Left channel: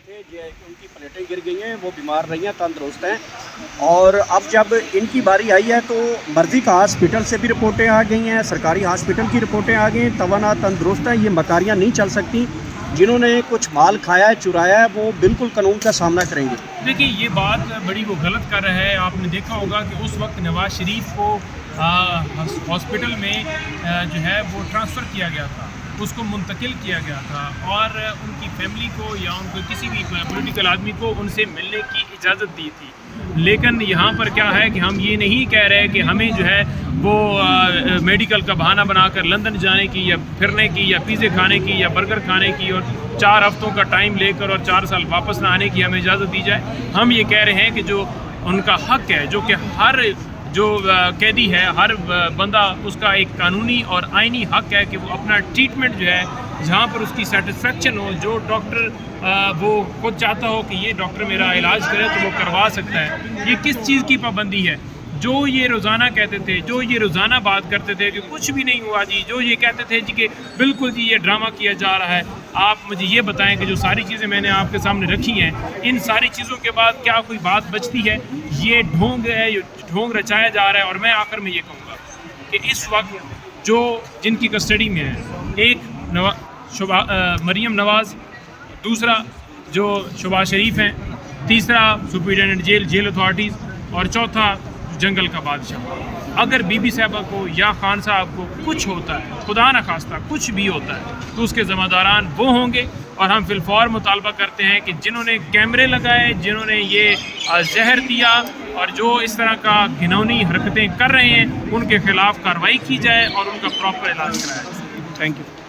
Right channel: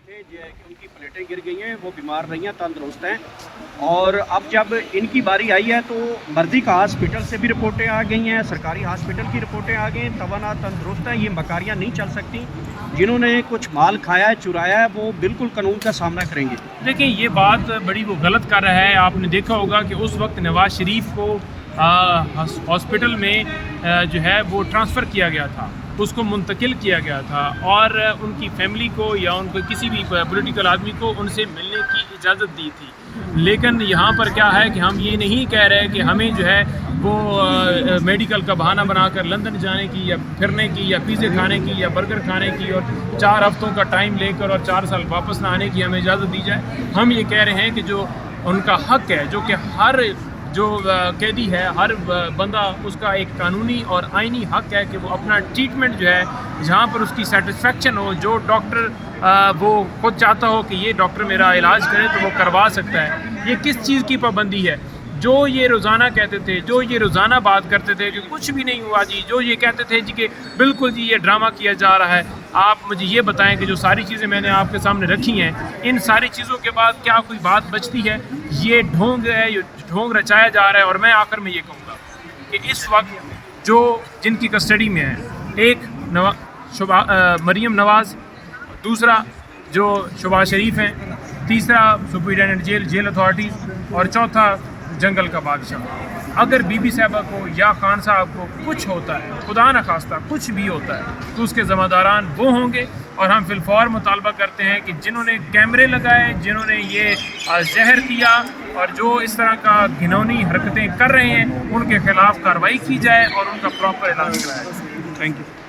تھے جو ان کی پلیٹیں گر گئی ہیں، وہ بیمار نہیں ہیں، تندرست ہیں، اور اب جب ان کی باری آئی ہے تو مرضی کا ہاسپٹل سے بھی رپورٹیں آ گئی ہیں، سرکاری ہاسپٹل کی رپورٹیں آ گئی ہیں، توانا تندرست ہیں، یہ مکاریاں نہیں چل سکتی۔ جنہوں نے کچھ مال کھایا ہے، چرایا ہے، وہ بالکل قانون کا سامنا کریں گے۔ دیکھیں، یہ بات بڑی وہ غلط کر رہا ہے۔ آپ نے دیکھا ہوگا کہ اس وقت نواز شریف کو ہاسپٹل میں جو ہے وہ ٹرانسفر کیا گیا تھا، اس کو منتقل کیا گیا تھا، اور ان کی فیملی کو یا ان کو کسی بھی پولیٹیکل آدمی کو ان سے ملنے کی اجازت دی تھی۔ لیکن یہاں پر کیا ہے کہ ہم یہ نہیں کہہ رہے کہ ہمیں جو ہے وہ میڈیکل کا بہانہ بنا کر لندن جانے کی یا پھرنے کی یا پیزے کھانے کی یا برگر کھانے کی اور 4 ہفتوں کا ٹائم لے کر اور 4 سال واپس نہ آنے کی ہمیں اجازت دی جائے۔ ہم یہ کہہ رہے ہیں کہ جو ان کا حق ہے، جو کہ ہر جو قیدی ہے، ہر بندہ، اس کا ایک قانونی اور آئینی حق ہے کہ وہ اپنا ٹریٹمنٹ جو ہے جہاں پر اس کی سیٹسفیکشن ہو، جو ڈاکٹر وہ خود چاہتا ہو کہ یہ ڈاکٹر میرا علاج کرے تو وہ کروا سکتا ہے۔ یہ کس چیز کی پابندی ہے؟ جو یہ روزانہ کہتے تھے، جو یہ روزانہ بات کرتے تھے کہ کچھ بھی نہیں ہوا جی، جو یہ کہتے تھے جی کہ بالکل جی یہ ڈرامہ کیا جا رہا ہے، آپ مجھے یہ بتائیں کہ جو ساری چیزیں میں نے آپ کے سامنے رکھی ہیں، ان ساری چیزوں کے بعد کیا کوئی بات بچتی ہے؟ یہ ڈھونگ ہے، یہ ڈھونگ رچایا جا رہا ہے۔ اور میں آخر میں یہ کہوں گا کہ اس وقت جو جن کی کسٹڈی میں ہے، ایک مریم نواز، دوسرا جو شہباز شریف ہیں، تیسرا سپرنٹینڈنٹ جیل اتھارٹیز، اور چوتھا جنگل کا بادشاہ۔ اگر بی بی صاحبہ کو یا خان صاحب کو کچھ ہوتا ہے، خدا نخواستہ کچھ بھی ہوتا ہے، تو اس کے ذمہ داران وہ ہوں گے۔ اور ہم فی الفور مطالبہ کرتے ہیں کہ جنہوں نے کیمرے لگائے، جنہوں نے یہ زہر دیا اور جو اس طرح کا گھنونی حرکتیں کر رہے ہیں، ان کے خلاف کارروائی کی جائے اور ان کا پراپر علاج کرایا جائے۔ Thank you.